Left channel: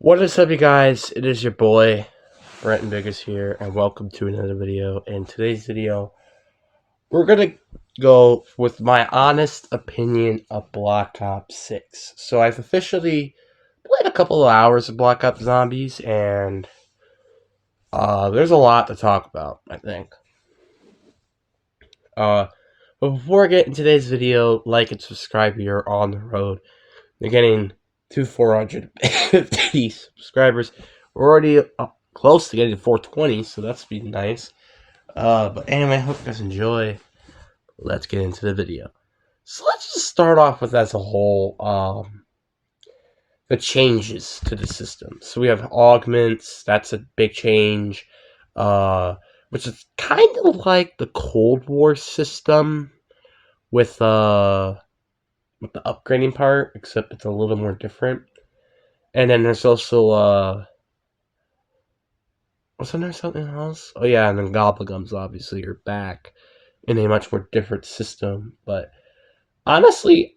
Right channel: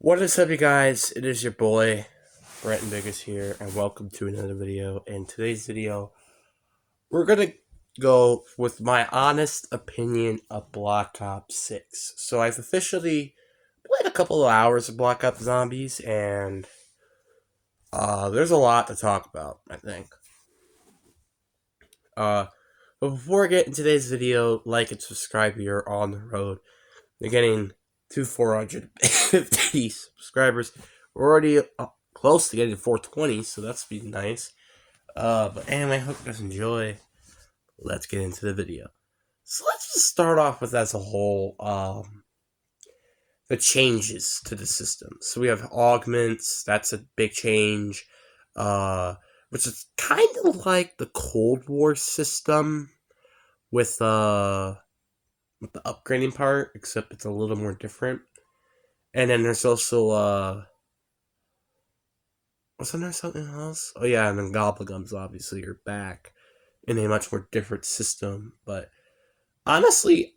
What is up, you guys? It is your boy, Brenton Biggers here, and welcome to another video. In today's video, we're gonna go with my honest opinion of Black Ops 6. So I've officially played a couple of hours of Black Ops Zombies, and there's a lot to talk about, I think. But before I get into today's video, like and subscribe. We are on the road. We're getting to 450 subscribers. We're already close to getting to 420, so that's been nice. But anyway, hope you guys enjoy. Let's get into the video. So let's just start off with, as a whole, the changes to the system. So we have augments. That's a big change. Which is kind of like the Cold War system with the upgrading part, except it's a little more different. And then there's also wasn't there something else? Oh yeah, and then Gobblegums obviously are back in a much more different system. But honestly,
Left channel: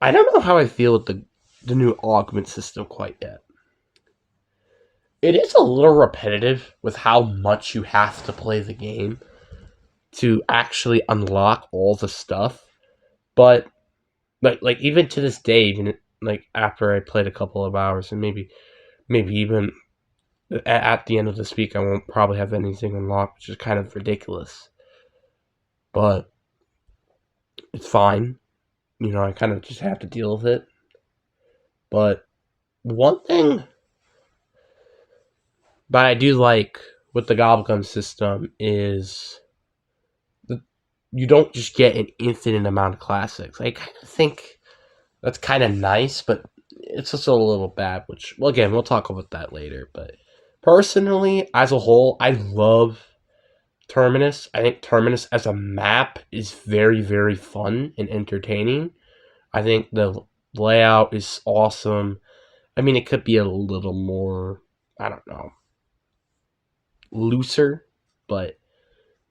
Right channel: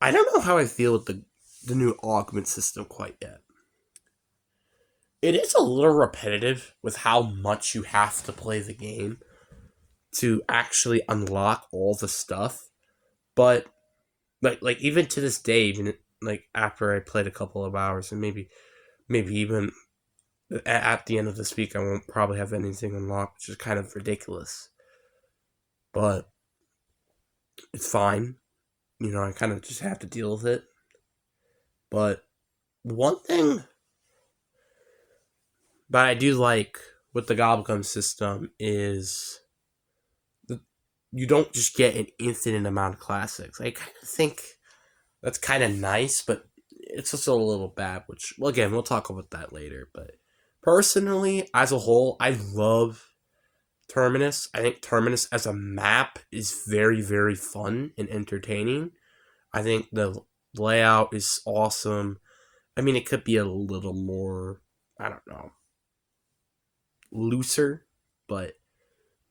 I don't know how I feel with the new augment system quite yet. It is a little repetitive with how much you have to play the game to actually unlock all the stuff. But like even to this day, even like after I played a couple of hours, and maybe even at the end of this week, I won't probably have anything unlocked, which is kind of ridiculous. But it's fine. You know, I kind of just have to deal with it. But one thing that I do like with the Gobblegum system is that you don't just get an infinite amount of classics. I kind of think that's kind of nice, but it's just a little bad, which, well, again, we'll talk about that later. But personally, as a whole, I love Terminus. I think Terminus as a map is very, very fun and entertaining. I think the layout is awesome. I mean, it could be a little more, I don't know, looser, but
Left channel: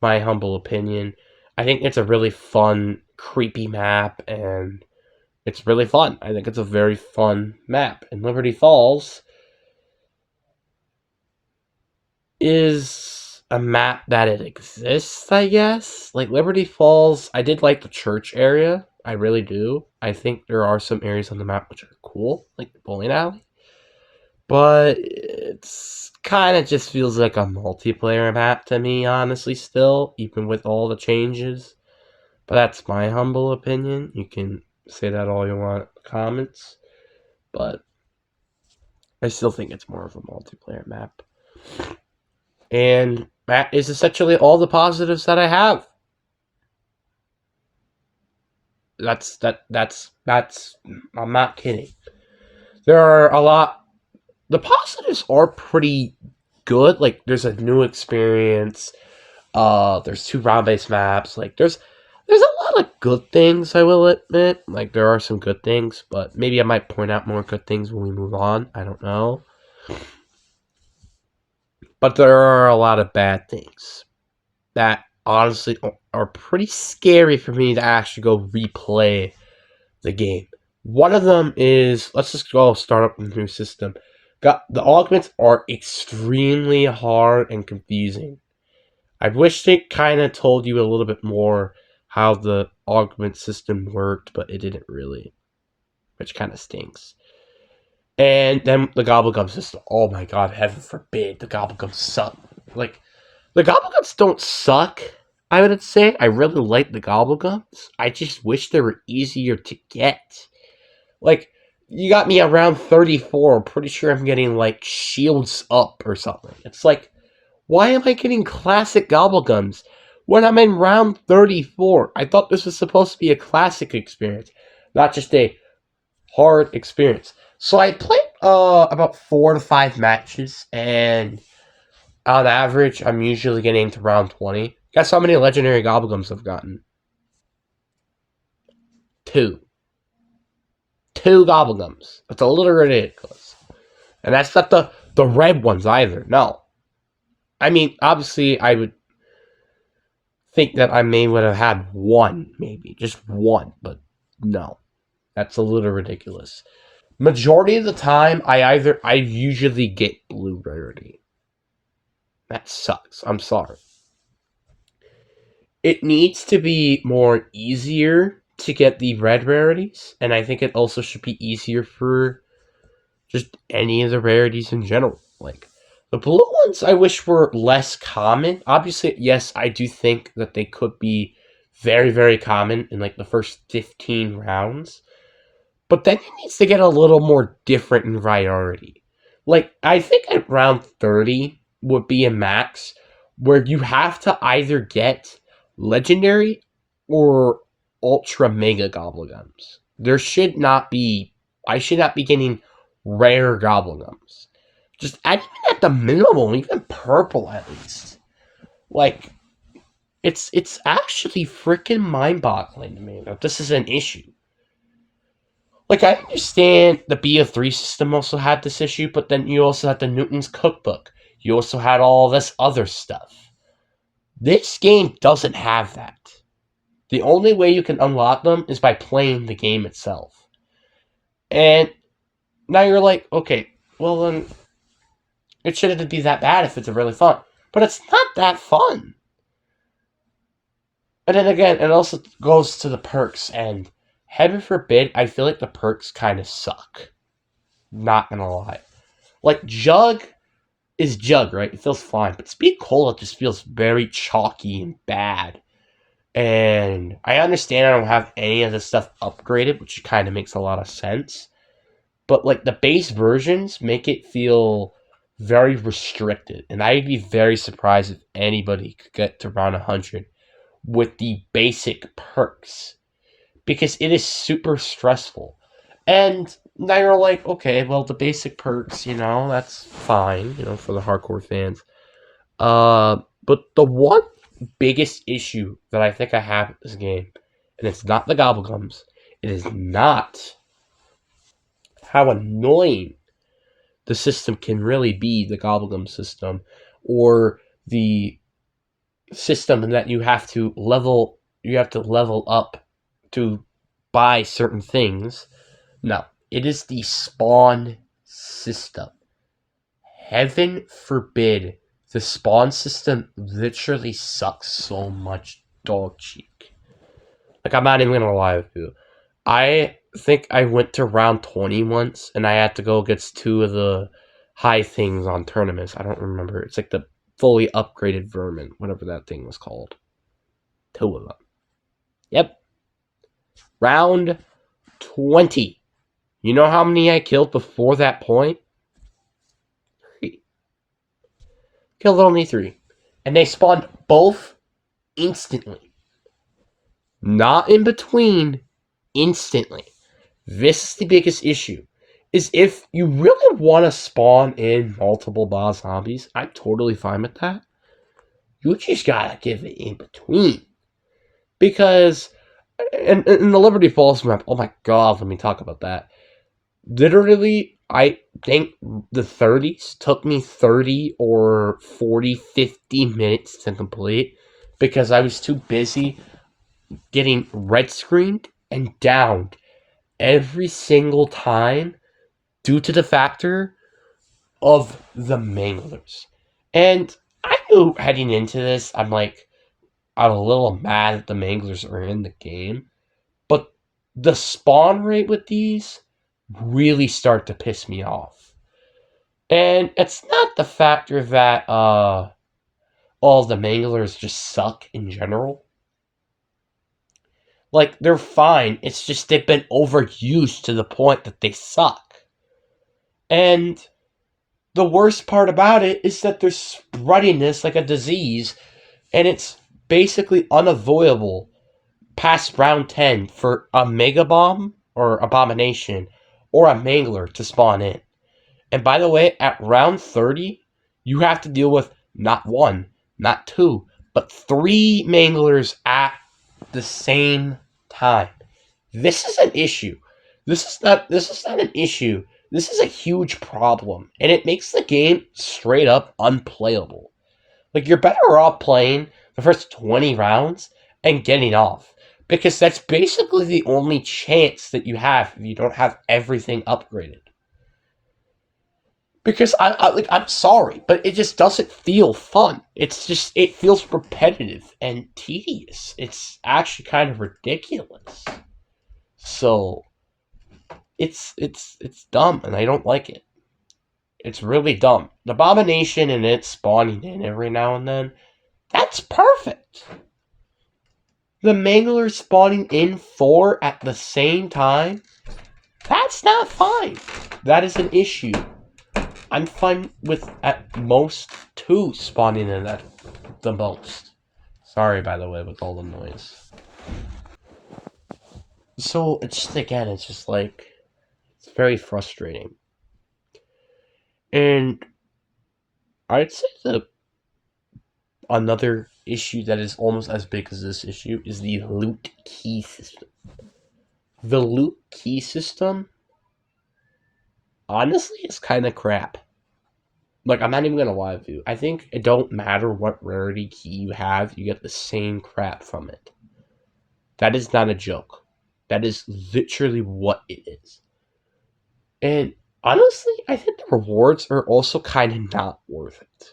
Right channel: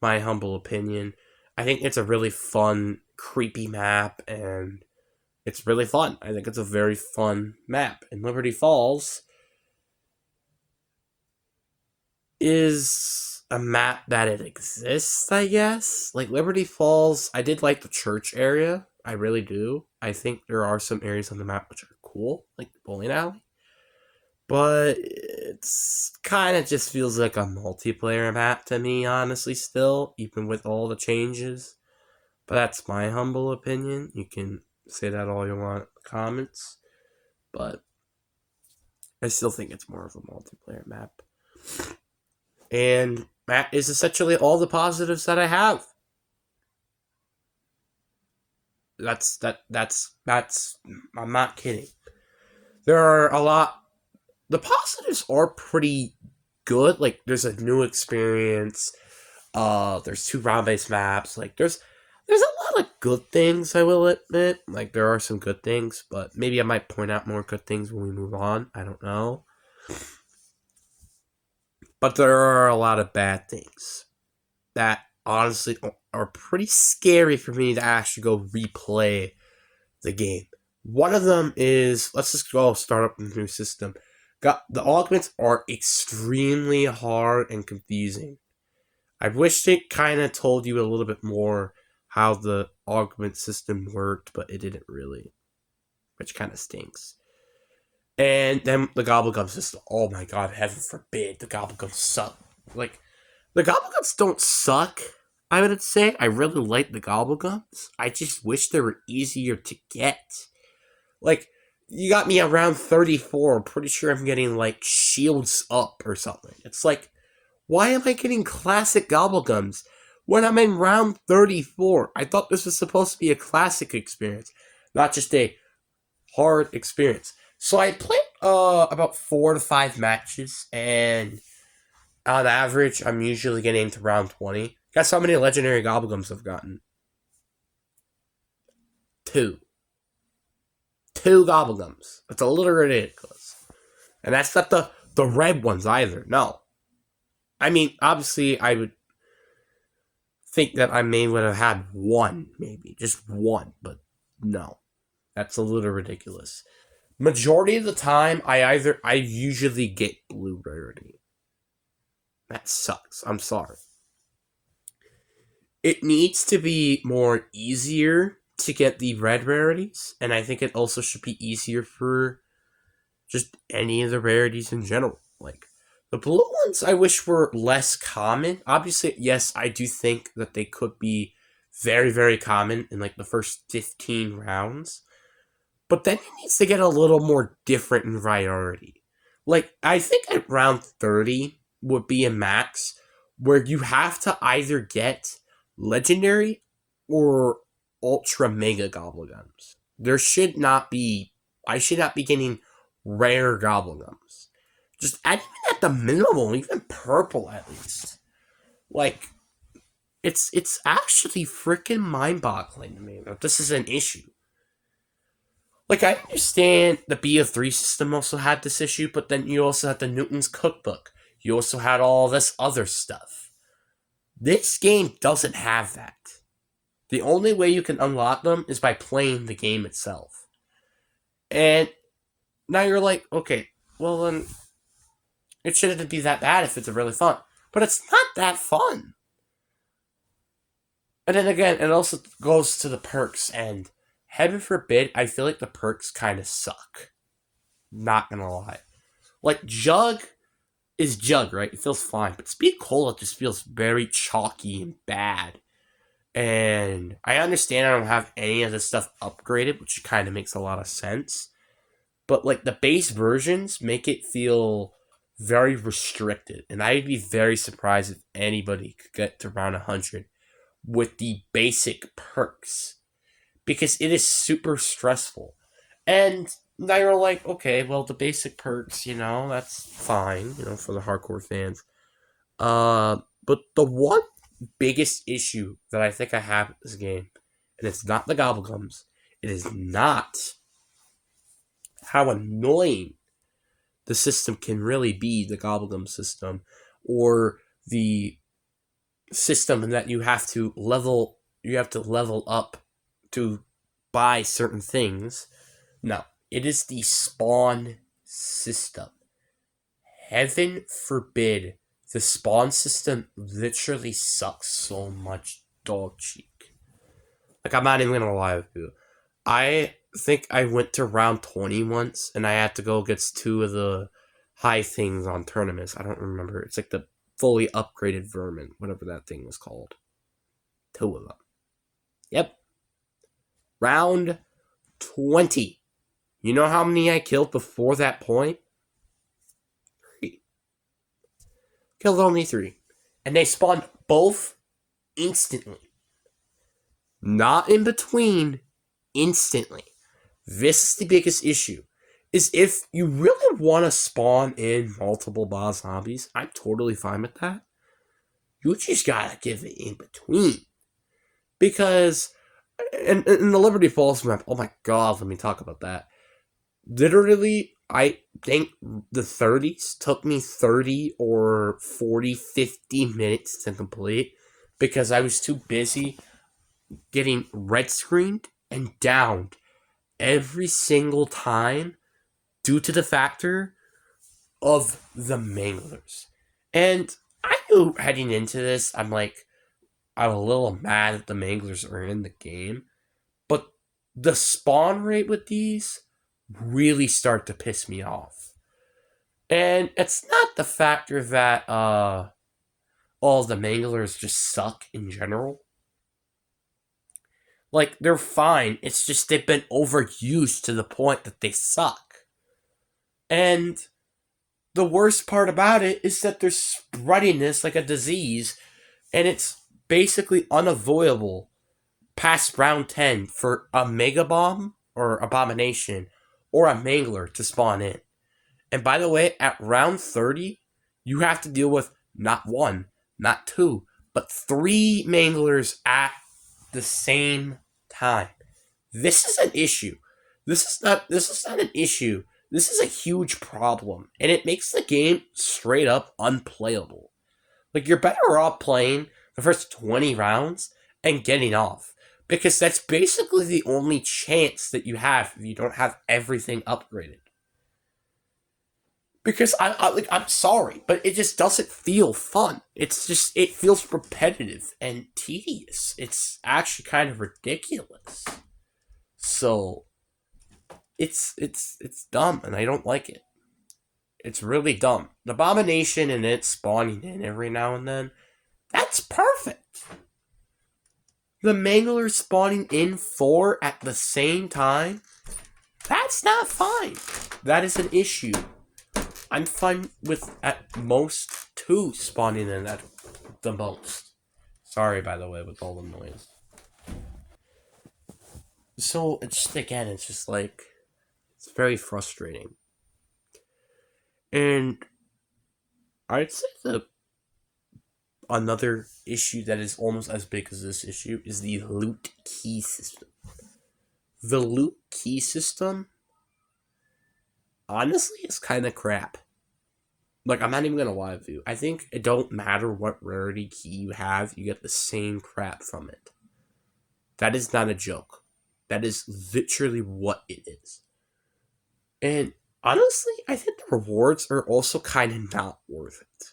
my humble opinion, I think it's a really fun, creepy map, and it's really fun. I think it's a very fun map. And Liberty Falls is a map that it exists, I guess. Like Liberty Falls, I did like the church area. I really do. I think there are some areas on the map which are cool, like the bowling alley. But it's kind of just feels like a multiplayer map to me, honestly, still, even with all the changes. But that's my humble opinion. You can say that all you want in the comments. But I still think it's more of a multiplayer map. And that is essentially all the positives that I have. That's I'm not kidding. There are a lot. The positives are pretty good. Like there's a new experience. There's 2 round-based maps. Like there's a lot of good things, I will admit. Like there are some good things, but maybe I might point out more good things when we move on. I don't know. But there are a lot of bad things that honestly are pretty scary for me to actually go replay the game. One of them is, let's just go start up the new system. The augments are extremely hard and confusing. I wish it kind of told you a little bit more how the augment system worked, but it didn't really, which kind of stinks. And then the Gobblegum system. Oh my god, heaven forbid the Gobblegums suck. Like, the Gobblegums don't suck, I would say. I really like the Gobblegums. I just wish they were easier to get. Like, you got me around 34. I'm pretty sure I'm getting, like, shields up or something. It's like, why am I getting classic Gobblegums when I'm in round 34? I thought this was supposed to be a classic experience, not just a hard experience. So I played about 4 to 5 matches, and on average, I'm usually getting to round 20. Guess how many legendary Gobblegums I've gotten? 2. 2 Gobblegums. That's a little ridiculous. And that's not the red ones either. No. I mean, obviously, I would think that I would have had 1, maybe. Just 1. But no. That's a little ridiculous. Majority of the time, I usually get blue rarity. That sucks. I'm sorry. It needs to be more easier to get the red rarities, and I think it also should be easier for just any of the rarities in general. Like the blue ones, I wish were less common. Obviously, yes, I do think that they could be very, very common in like the first 15 rounds. But then it needs to get a little more different in priority. Like, I think at round 30 would be a max where you have to either get legendary or ultra mega gobblegums. There should not be, I should not be getting rare gobblegums. Just even at the minimum, even purple at least. Like, it's actually freaking mind-boggling to me that this is an issue. Like, I understand the BO3 system also had this issue, but then you also had the Newton's Cookbook. You also had all this other stuff. This game doesn't have that. The only way you can unlock them is by playing the game itself. And now you're like, okay, well then, it shouldn't be that bad if it's really fun. But it's not that fun. And then again, it also goes to the perks, and heaven forbid, I feel like the perks kind of suck. Not gonna lie. Like, Jug is Jug, right? It feels fine. But Speed Cola just feels very chalky and bad. And I understand I don't have any of this stuff upgraded, which kind of makes a lot of sense. But, like, the base versions make it feel very restricted. And I'd be very surprised if anybody could get to round 100 with the basic perks. Because it is super stressful. And now you're like, okay, well, the basic perks, that's fine, for the hardcore fans. But the one biggest issue that I think I have with this game, and it's not the gobblegums, it is not how annoying the system can really be, the gobblegum system, or the system that you have to level up to buy certain things. No, it is the spawn system. Heaven forbid, the spawn system literally sucks so much dog cheek. Like, I'm not even gonna lie with you. I think I went to round 20 once, and I had to go against two of the high things on tournaments. I don't remember. It's like the fully upgraded vermin, whatever that thing was called. Two of them. Yep. Round 20. You know how many I killed before that point? 3. Killed only 3. And they spawned both instantly. Not in between. Instantly. This is the biggest issue. Is if you really want to spawn in multiple boss zombies, I'm totally fine with that. You just gotta give it in between. Because, in the Liberty Falls map, oh my god, let me talk about that. Literally, I think the 30s took me 30 or 40, 50 minutes to complete because I was too busy getting red screened and downed every single time due to the factor of the manglers. And I knew heading into this, I'm a little mad that the manglers are in the game. But the spawn rate with these really start to piss me off. And it's not the factor that all the manglers just suck in general. Like, they're fine. It's just they've been overused to the point that they suck. And the worst part about it is that they're spreading this like a disease, and it's basically unavoidable past round 10 for a Mega Bomb or Abomination or a Mangler to spawn in. And by the way, at round 30, you have to deal with not 1, not 2, but 3 Manglers at the same time. This is an issue. This is not an issue. This is a huge problem, and it makes the game straight up unplayable. Like, you're better off playing the first 20 rounds and getting off. Because that's basically the only chance that you have if you don't have everything upgraded. Because I'm sorry, but it just doesn't feel fun. It feels repetitive and tedious. It's actually kind of ridiculous. So it's dumb, and I don't like it. It's really dumb. The Abomination and it spawning in every now and then, that's perfect. The Mangler spawning in 4 at the same time, that's not fine. That is an issue. I'm fine with at most 2 spawning in at the most. Sorry, by the way, with all the noise. So it's just like, it's very frustrating. And I'd say another issue that is almost as big as this issue is the loot key system. The loot key system, honestly, is kind of crap. Like, I'm not even gonna lie with you. I think it don't matter what rarity key you have, you get the same crap from it. That is not a joke. That is literally what it is. And honestly, I think the rewards are also kind of not worth it.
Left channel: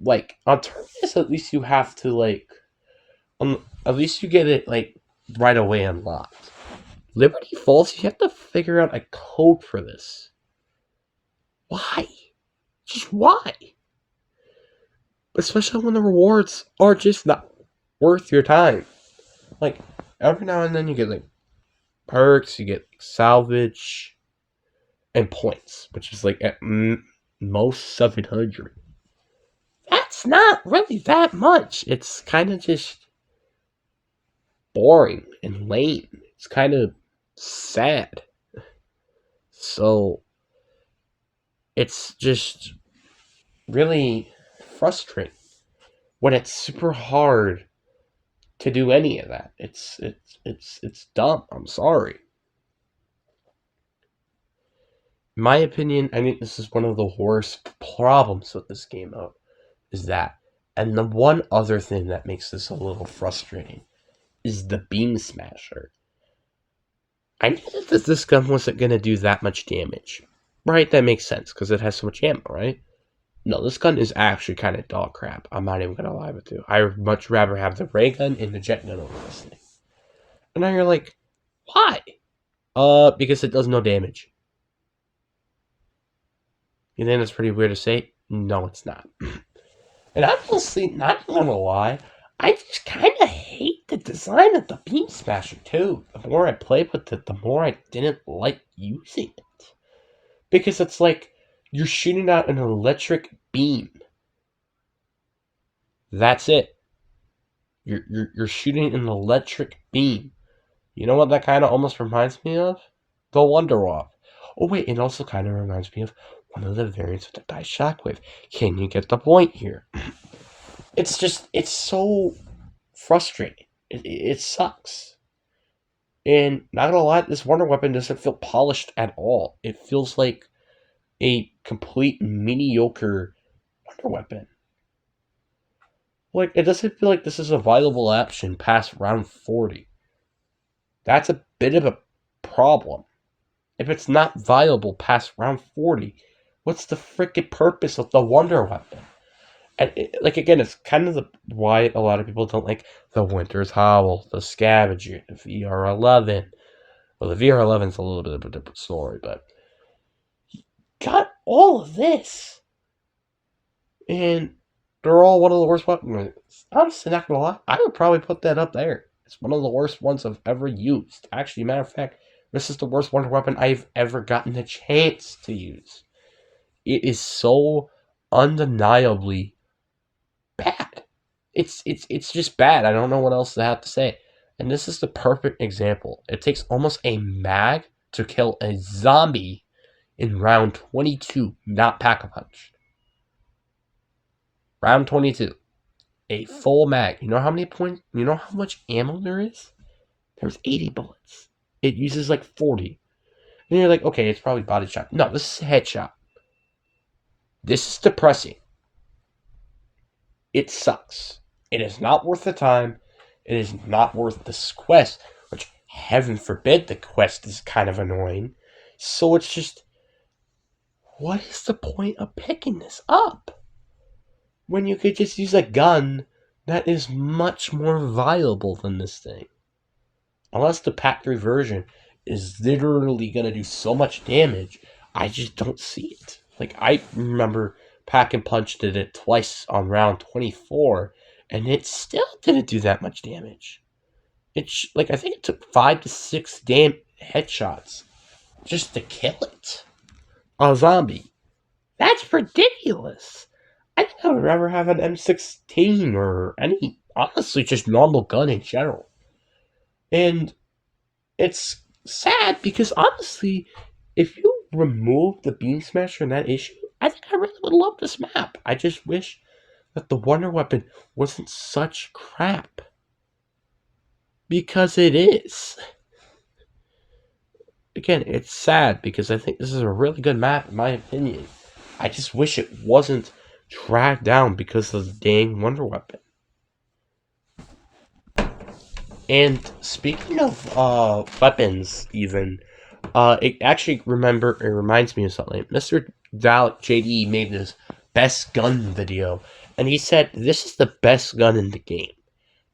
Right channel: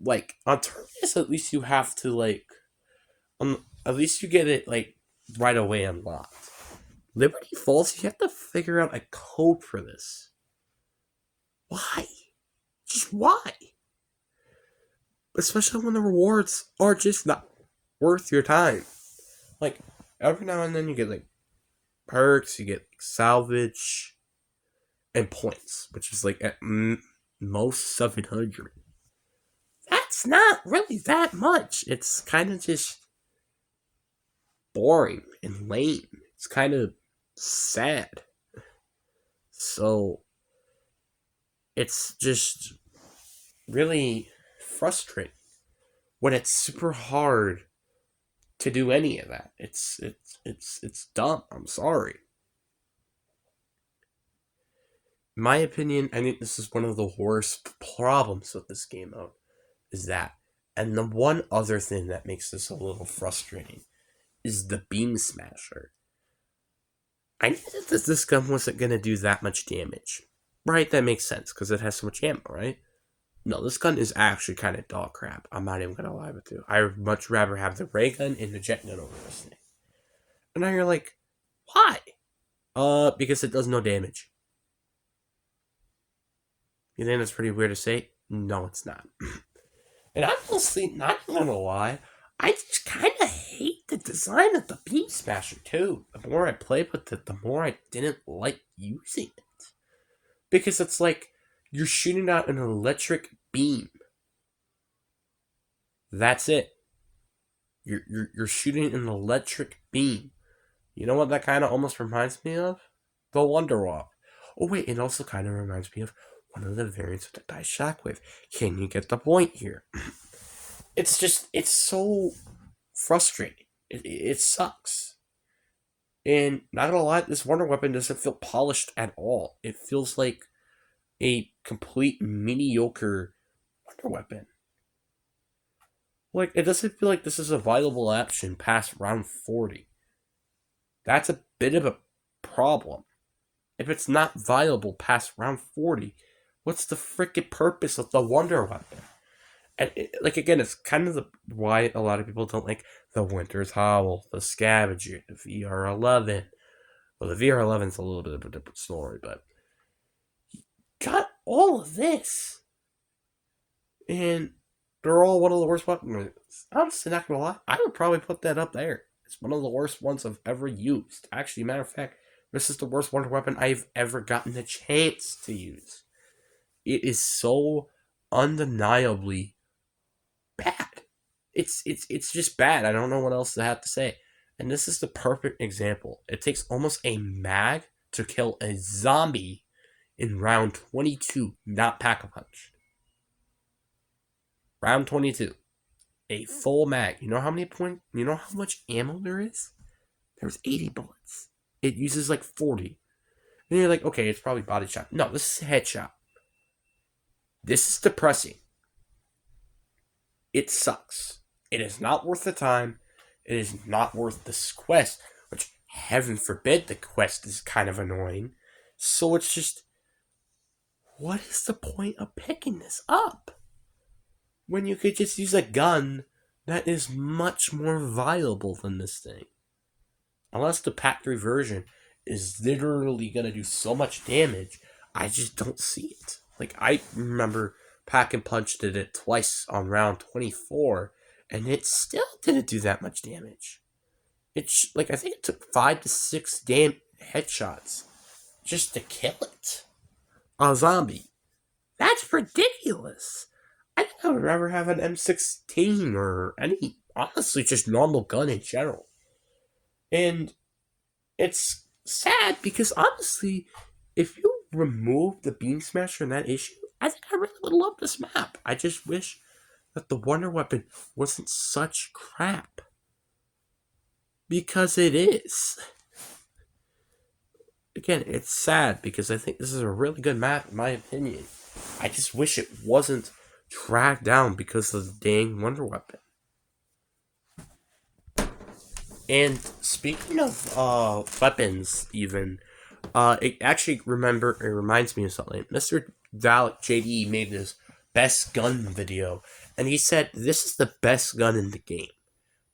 Like, on Terminus, at least you have to, like, at least you get it, like, right away unlocked. Liberty Falls, you have to figure out a code for this. Why? Just why? Especially when the rewards are just not worth your time. Like, every now and then you get, like, perks, you get like, salvage, and points, which is, like, at most 700. That's not really that much. It's kind of just boring and lame. It's kind of sad. So, it's just really frustrating when it's super hard to do any of that. It's dumb. I'm sorry. In my opinion, I think this is one of the worst problems with this game mode. Is that, and the one other thing that makes this a little frustrating is the Beam Smasher. I knew that this gun wasn't gonna do that much damage, right? That makes sense because it has so much ammo, right? No, this gun is actually kind of dog crap. I'm not even gonna lie with you. I would much rather have the ray gun and the jet gun over this thing. And now you're like, why? Because it does no damage. You think that's pretty weird to say? No, it's not. And I'm honestly not gonna lie, I just kind of hate the design of the Beam Smasher too. The more I played with it, the more I didn't like using it. Because it's like you're shooting out an electric beam. That's it. You're shooting an electric beam. You know what that kind of almost reminds me of? The Wonder Walk. Oh wait, it also kind of reminds me of one of the variants of the Dice Shockwave. Can you get the point here? It's so frustrating. It sucks. And not gonna lie, this Wonder Weapon doesn't feel polished at all. It feels like a complete mediocre Wonder Weapon. Like, it doesn't feel like this is a viable option past round 40. That's a bit of a problem. If it's not viable past round 40, what's the freaking purpose of the Wonder Weapon? And like, again, it's kind of why a lot of people don't like the Winter's Howl, the Scavenger, the VR11. Well, the VR11 is a little bit of a different story, but got all of this, and they're all one of the worst weapons. Honestly, not gonna lie, I would probably put that up there. It's one of the worst ones I've ever used. Actually, matter of fact, this is the worst Wonder Weapon I've ever gotten a chance to use. It is so undeniably bad. It's just bad. I don't know what else to have to say. And this is the perfect example. It takes almost a mag to kill a zombie in round 22, not Pack-a-Punch. Round 22. A full mag. You know how many points? You know how much ammo there is? There's 80 bullets. It uses like 40. And you're like, okay, it's probably body shot. No, this is a headshot. This is depressing. It sucks. It is not worth the time. It is not worth this quest, which, heaven forbid, the quest is kind of annoying. So it's just, what is the point of picking this up? When you could just use a gun that is much more viable than this thing. Unless the Pack 3 version is literally going to do so much damage, I just don't see it. Like, I remember Pack and Punch did it twice on round 24, and it still didn't do that much damage. It's like, I think it took 5 to 6 headshots just to kill it. A zombie. That's ridiculous. I think I would rather have an M16 or any, honestly, just normal gun in general. And it's sad because, honestly, if you remove the Beam Smasher in that issue, I think I really would love this map. I just wish that the Wonder Weapon wasn't such crap. Because it is. Again, it's sad because I think this is a really good map in my opinion. I just wish it wasn't dragged down because of the dang Wonder Weapon. And speaking of weapons, even, it reminds me of something. Mr. Dalek JD made this best gun video, and he said this is the best gun in the game.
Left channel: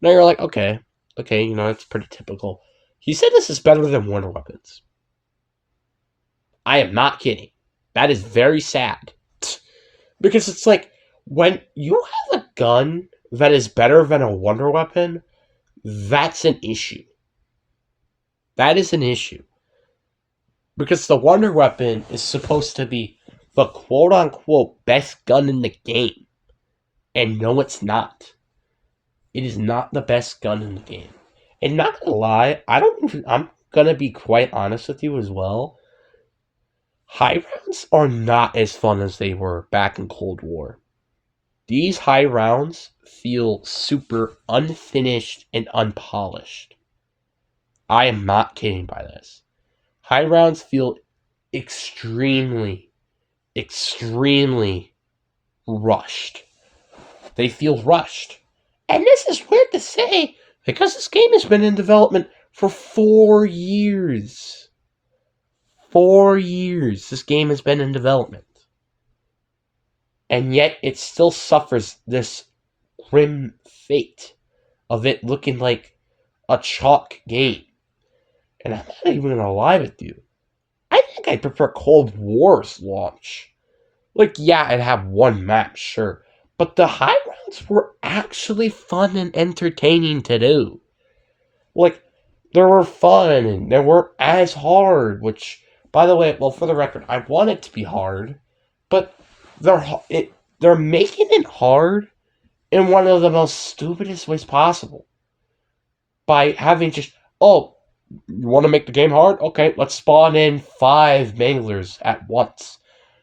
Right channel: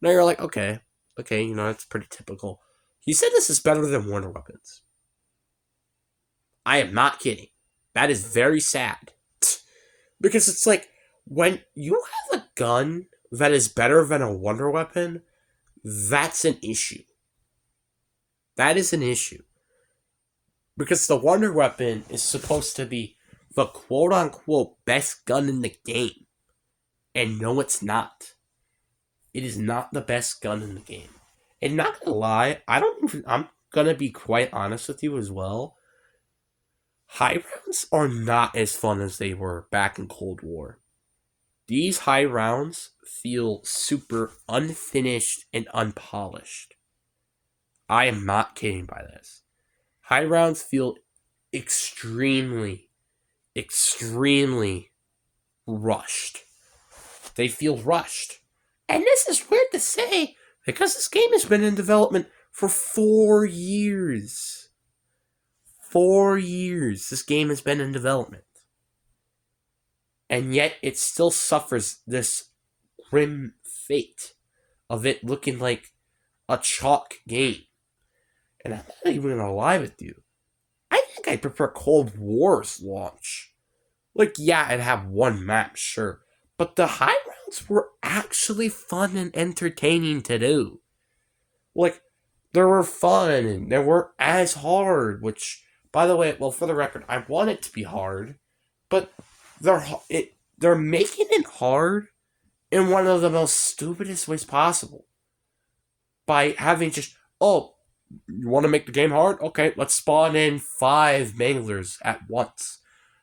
Now you're like, okay, that's pretty typical. He said this is better than Wonder Weapons. I am not kidding. That is very sad. Because it's like, when you have a gun that is better than a Wonder Weapon, that's an issue. That is an issue. Because the Wonder Weapon is supposed to be the quote-unquote best gun in the game. And no, it's not. It is not the best gun in the game. And not gonna lie, I'm gonna be quite honest with you as well. High rounds are not as fun as they were back in Cold War. These high rounds feel super unfinished and unpolished. I am not kidding by this. High rounds feel extremely, extremely rushed. They feel rushed. And this is weird to say because this game has been in development for 4 years. 4 years this game has been in development. And yet it still suffers this grim fate of it looking like a chalk game. And I'm not even gonna lie with you. I think I prefer Cold War's launch. Like, yeah, I'd have one map, sure. But the high rounds were actually fun and entertaining to do. Like, they were fun and they weren't as hard, which, by the way, well, for the record, I want it to be hard, but they're making it hard in one of the most stupidest ways possible. By having just, oh, you want to make the game hard? Okay, let's spawn in 5 manglers at once.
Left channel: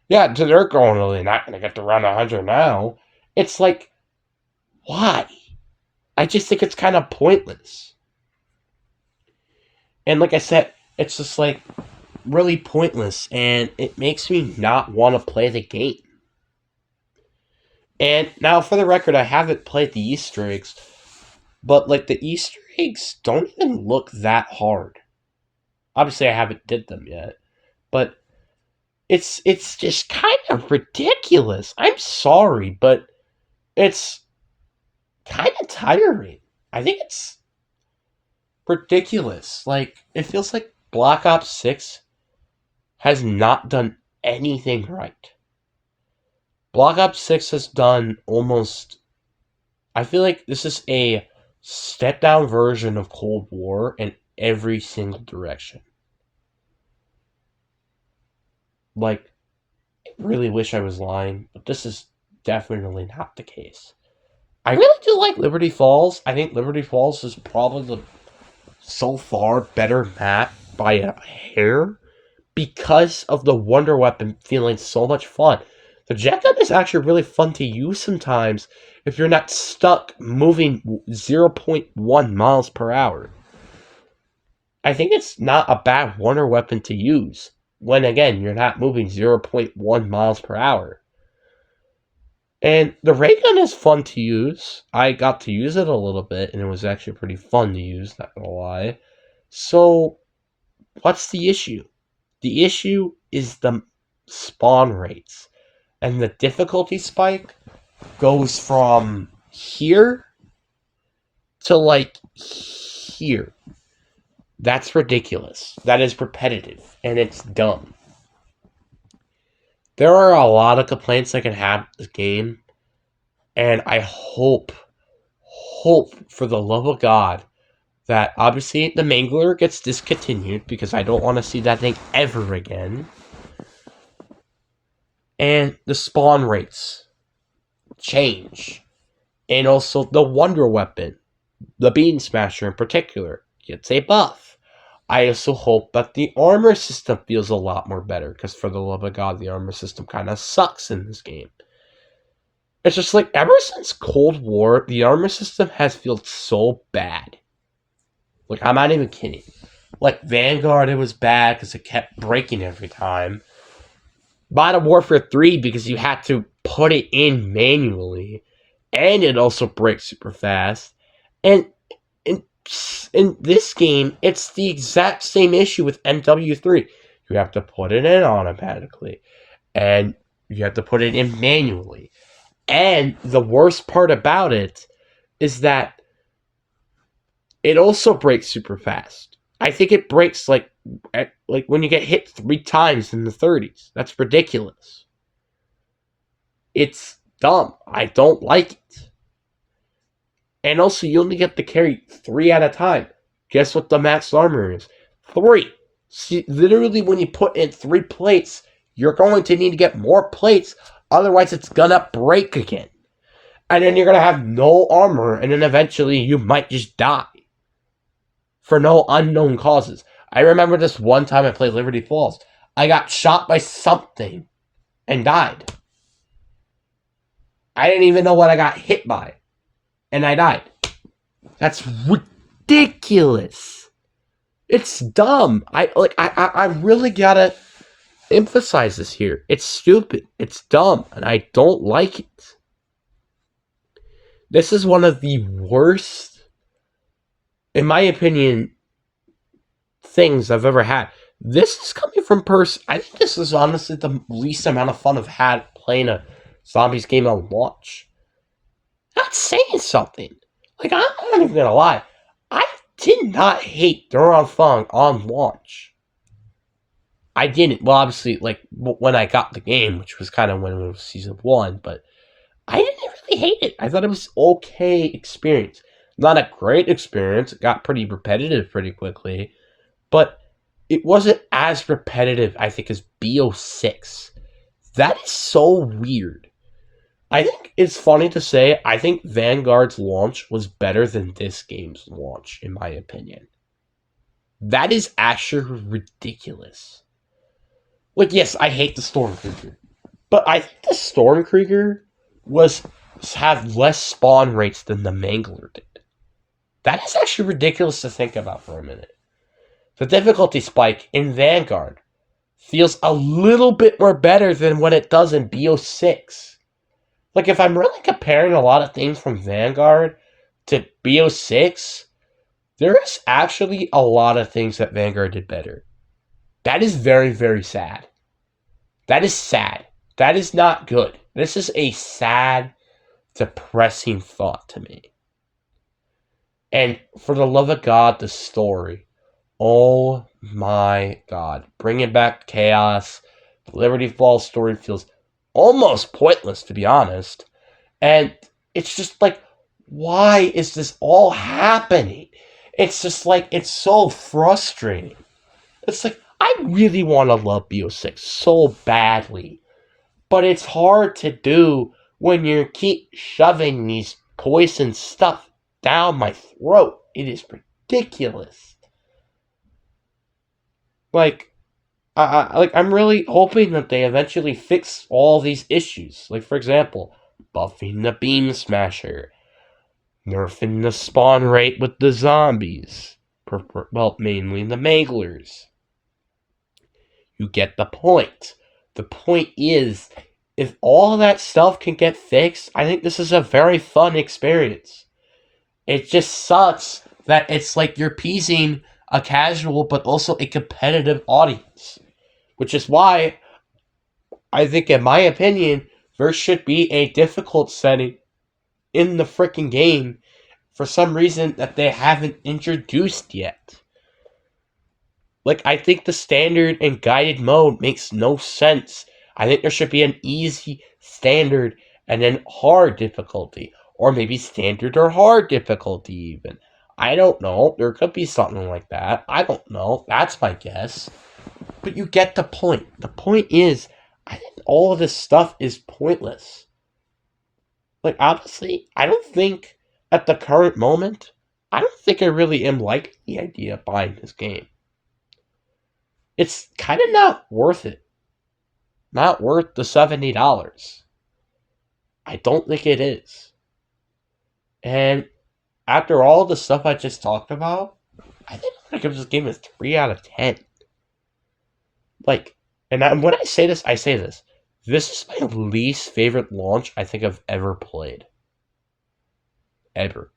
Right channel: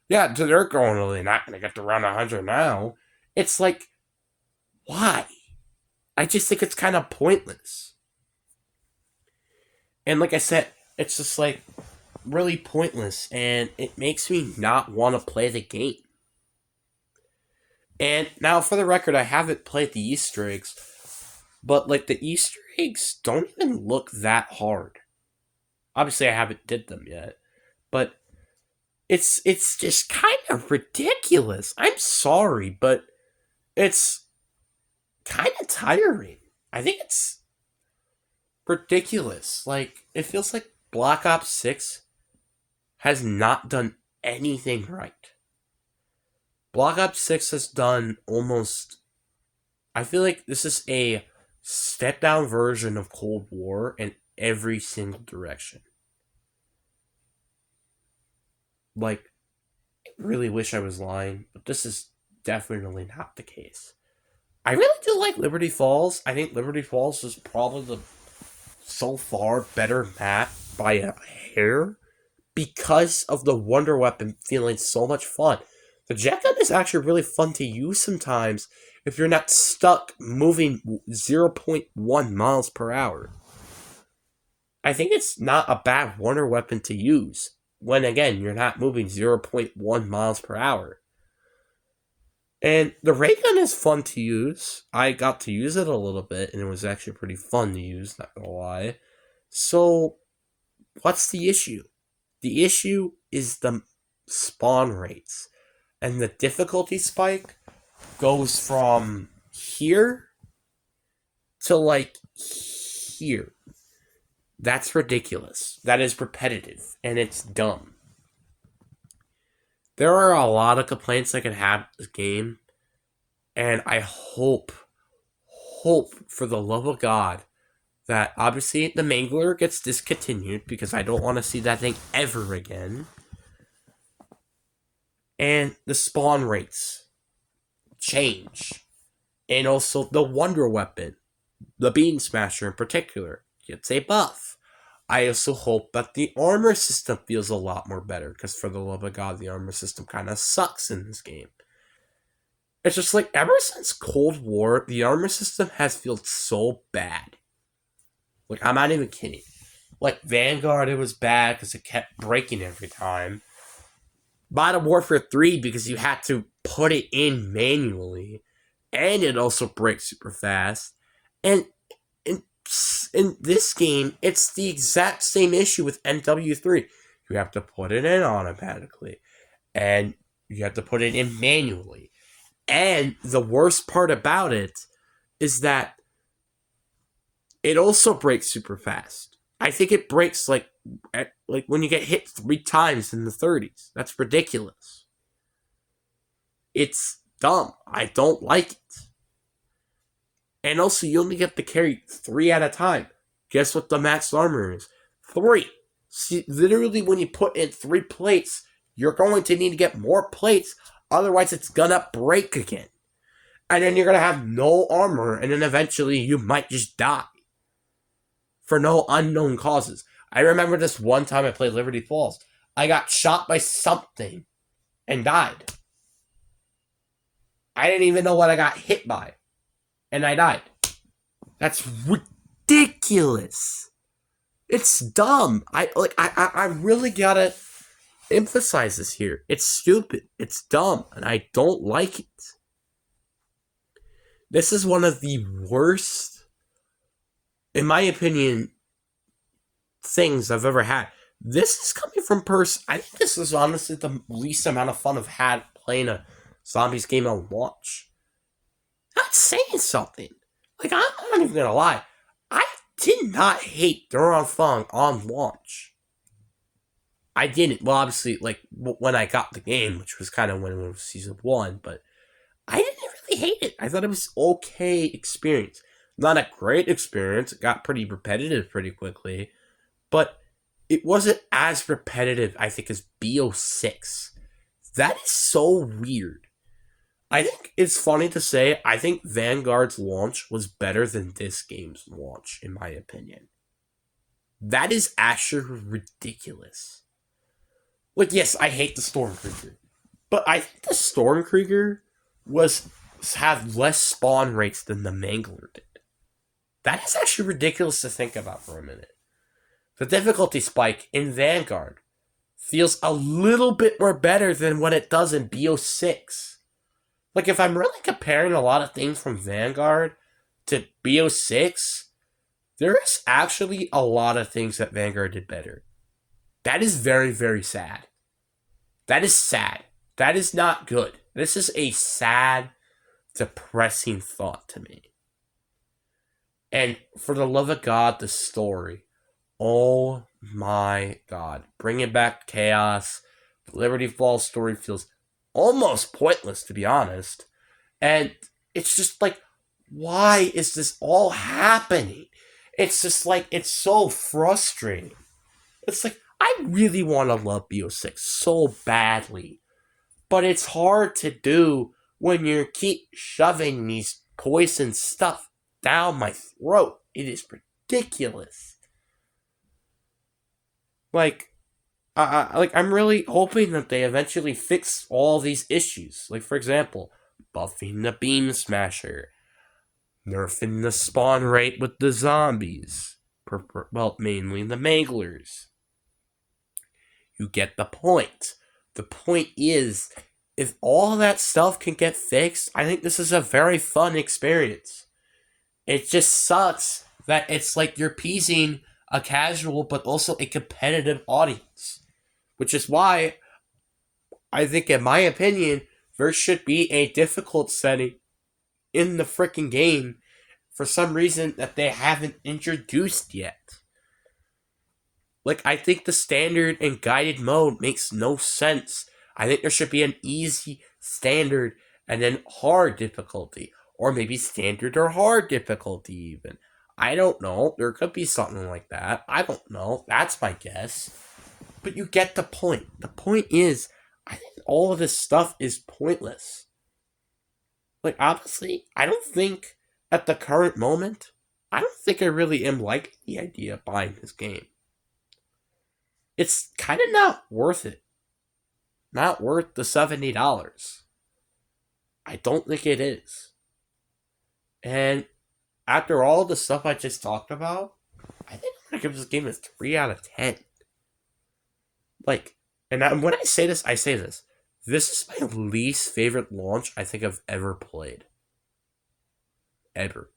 Yeah, they're going really not going to get to round 100 now. It's like, why? I just think it's kind of pointless. And like I said, it's just like really pointless, and it makes me not want to play the game. And now, for the record, I haven't played the Easter eggs, but like the Easter eggs don't even look that hard. Obviously, I haven't did them yet, but it's just kind of ridiculous. I'm sorry, but it's kind of tiring. I think it's ridiculous. Like, it feels like Black Ops 6 has not done anything right. Black Ops 6 has done almost... I feel like this is a step-down version of Cold War in every single direction. Like, I really wish I was lying, but this is definitely not the case. I really do like Liberty Falls. I think Liberty Falls is probably the so far better map by a hair because of the Wonder Weapon feeling so much fun. The jet gun is actually really fun to use sometimes if you're not stuck moving 0.1 miles per hour. I think it's not a bad Wonder Weapon to use when, again, you're not moving 0.1 miles per hour. And the ray gun is fun to use. I got to use it a little bit, and it was actually pretty fun to use, not gonna lie. So, what's the issue? The issue is the spawn rates. And the difficulty spike goes from here to like here. That's ridiculous. That is repetitive, and it's dumb. There are a lot of complaints I can have with this game, and I hope for the love of God that obviously the Mangler gets discontinued because I don't want to see that thing ever again. And the spawn rates change. And also the Wonder Weapon, the Beam Smasher in particular, gets a buff. I also hope that the armor system feels a lot more better, because for the love of God, the armor system kind of sucks in this game. It's just like, ever since Cold War, the armor system has felt so bad. Like, I'm not even kidding. Like, Vanguard, it was bad because it kept breaking every time. Modern Warfare 3, because you had to put it in manually. And it also breaks super fast. And in this game, it's the exact same issue with MW3. You have to put it in automatically. And you have to put it in manually. And the worst part about it is that it also breaks super fast. I think it breaks like when you get hit 3 times in the 30s. That's ridiculous. It's dumb. I don't like it. And also, you only get to carry 3 at a time. Guess what the max armor is? 3. See, literally, when you put in 3 plates, you're going to need to get more plates. Otherwise, it's gonna break again. And then you're gonna have no armor, and then eventually you might just die. For no unknown causes. I remember this one time I played Liberty Falls. I got shot by something and died. I didn't even know what I got hit by. And I died. That's ridiculous. It's dumb. I really gotta emphasize this here. It's stupid. It's dumb. And I don't like it. This is one of the worst, in my opinion, things I've ever had. This is coming from I think this is honestly the least amount of fun I've had playing a zombies game on launch. That's saying something. Like, I'm not even gonna lie. I did not hate Duran Fung on launch. I didn't. Well, obviously, like, when I got the game, which was kind of when it was Season 1, but I didn't really hate it. I thought it was okay experience. Not a great experience. It got pretty repetitive pretty quickly, but it wasn't as repetitive, I think, as BO6. That is so weird. I think it's funny to say, I think Vanguard's launch was better than this game's launch, in my opinion. That is actually ridiculous. Like, yes, I hate the Stormkrieger, but I think the Stormkrieger have less spawn rates than the Mangler did. That is actually ridiculous to think about for a minute. The difficulty spike in Vanguard feels a little bit more better than what it does in BO6. Like, if I'm really comparing a lot of things from Vanguard to BO6, there is actually a lot of things that Vanguard did better. That is very, very sad. That is sad. That is not good. This is a sad, depressing thought to me. And for the love of God, the story. Oh my God. Bringing back chaos. The Liberty Falls story feels almost pointless, to be honest. And it's just like, why is this all happening? It's just like, it's so frustrating. It's like, I really want to love BO6 so badly. But it's hard to do when you keep shoving these poison stuff down my throat. It is ridiculous. Like, I'm really hoping that they eventually fix all these issues. Like, for example, buffing the Beam Smasher, nerfing the spawn rate with the zombies. Well, mainly the Manglers. You get the point. The point is, if all that stuff can get fixed, I think this is a very fun experience. It just sucks that it's like you're appeasing a casual but also a competitive audience, which is why I think, in my opinion, there should be a difficult setting in the freaking game for some reason that they haven't introduced yet. Like, I think the standard and guided mode makes no sense. I think there should be an easy, standard, and then hard difficulty. Or maybe standard or hard difficulty, even. I don't know. There could be something like that. I don't know. That's my guess. But you get the point. The point is, I think all of this stuff is pointless. Like, honestly, I don't think, at the current moment, I don't think I really am liking the idea of buying this game. It's kind of not worth it. Not worth the $70. I don't think it is. And after all the stuff I just talked about, I think I'm going to give this game a 3 out of 10. Like, and when I say this, I say this. This is my least favorite launch I think I've ever played. Ever.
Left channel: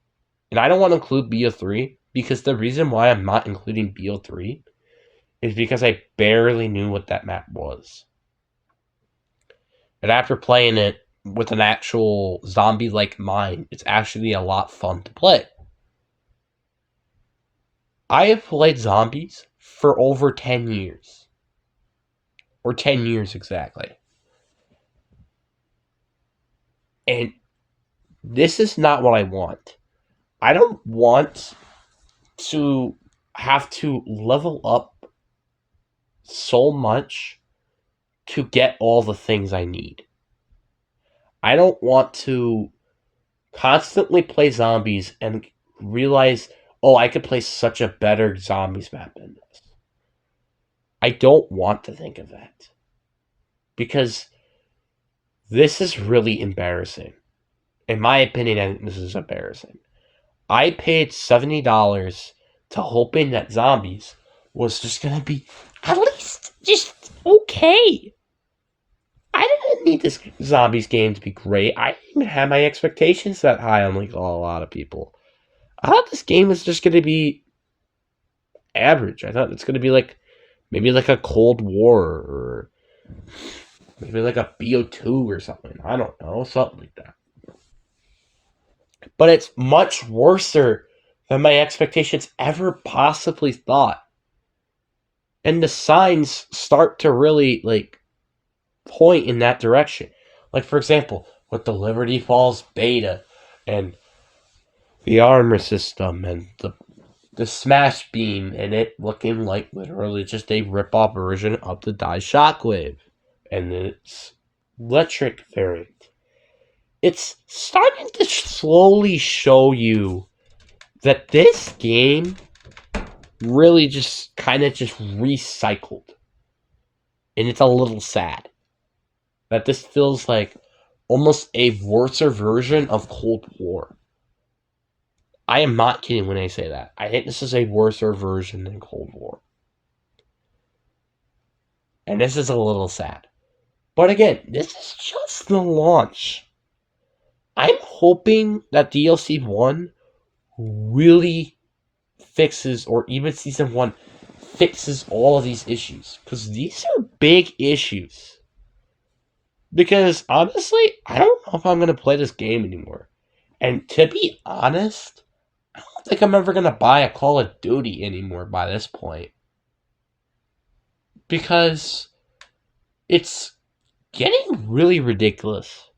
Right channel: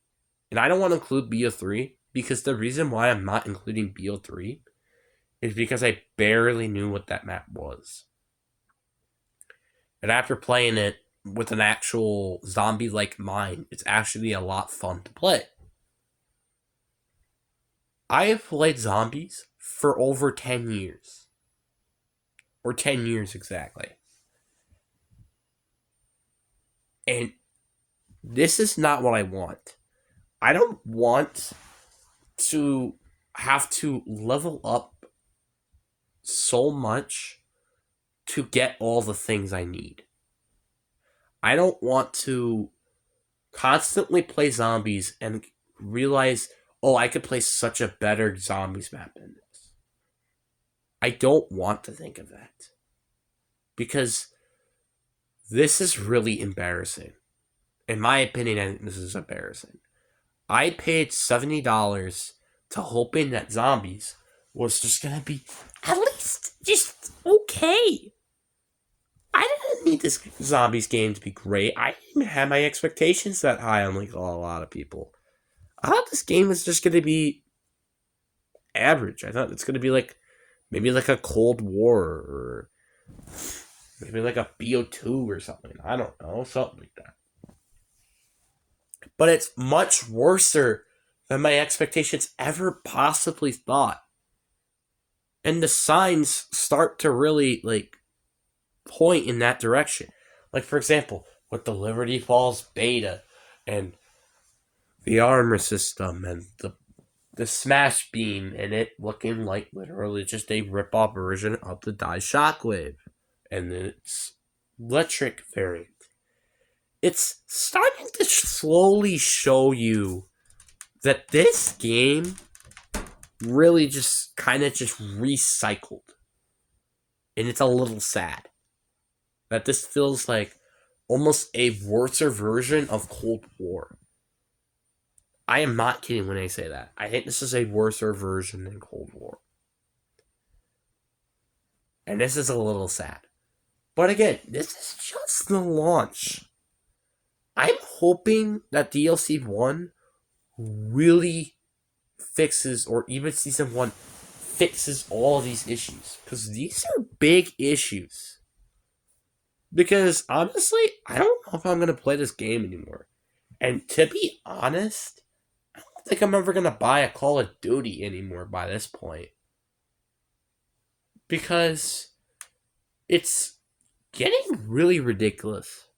And I don't want to include BO3, because the reason why I'm not including BO3 is because I barely knew what that map was. And after playing it with an actual zombie-like mind, it's actually a lot fun to play. I have played zombies for over 10 years. Or 10 years exactly. And this is not what I want. I don't want to have to level up so much to get all the things I need. I don't want to constantly play zombies and realize, oh, I could play such a better zombies map than this. I don't want to think of that. Because this is really embarrassing. In my opinion, I think this is embarrassing. I paid $70 to hoping that zombies was just going to be at least just okay. I didn't need this zombies game to be great. I didn't have my expectations that high, unlike a lot of people. I thought this game was just going to be average. I thought it's going to be like maybe like a Cold War or maybe like a BO2 or something. I don't know, something like that. But it's much worse than my expectations ever possibly thought. And the signs start to really like point in that direction. Like, for example, with the Liberty Falls beta and the armor system and the smash beam and it looking like literally just a rip-off version of the Die Shockwave and its electric variant. It's starting to slowly show you that this game really just kind of just recycled. And it's a little sad that this feels like almost a worse version of Cold War. I am not kidding when I say that. I think this is a worse version than Cold War. And this is a little sad. But again, this is just the launch. I'm hoping that DLC 1 really fixes, or even Season 1 fixes all of these issues. Because these are big issues. Because honestly, I don't know if I'm going to play this game anymore. And to be honest, I don't think I'm ever going to buy a Call of Duty anymore by this point. Because it's getting really ridiculous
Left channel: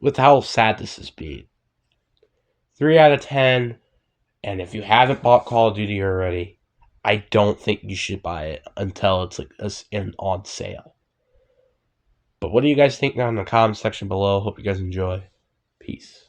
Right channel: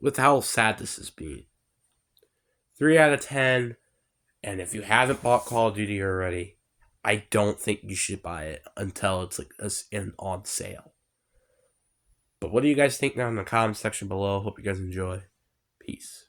with how sad this has been. 3 out of 10. And if you haven't bought Call of Duty already, I don't think you should buy it until it's like on sale. But what do you guys think down in the comment section below? Hope you guys enjoy. Peace.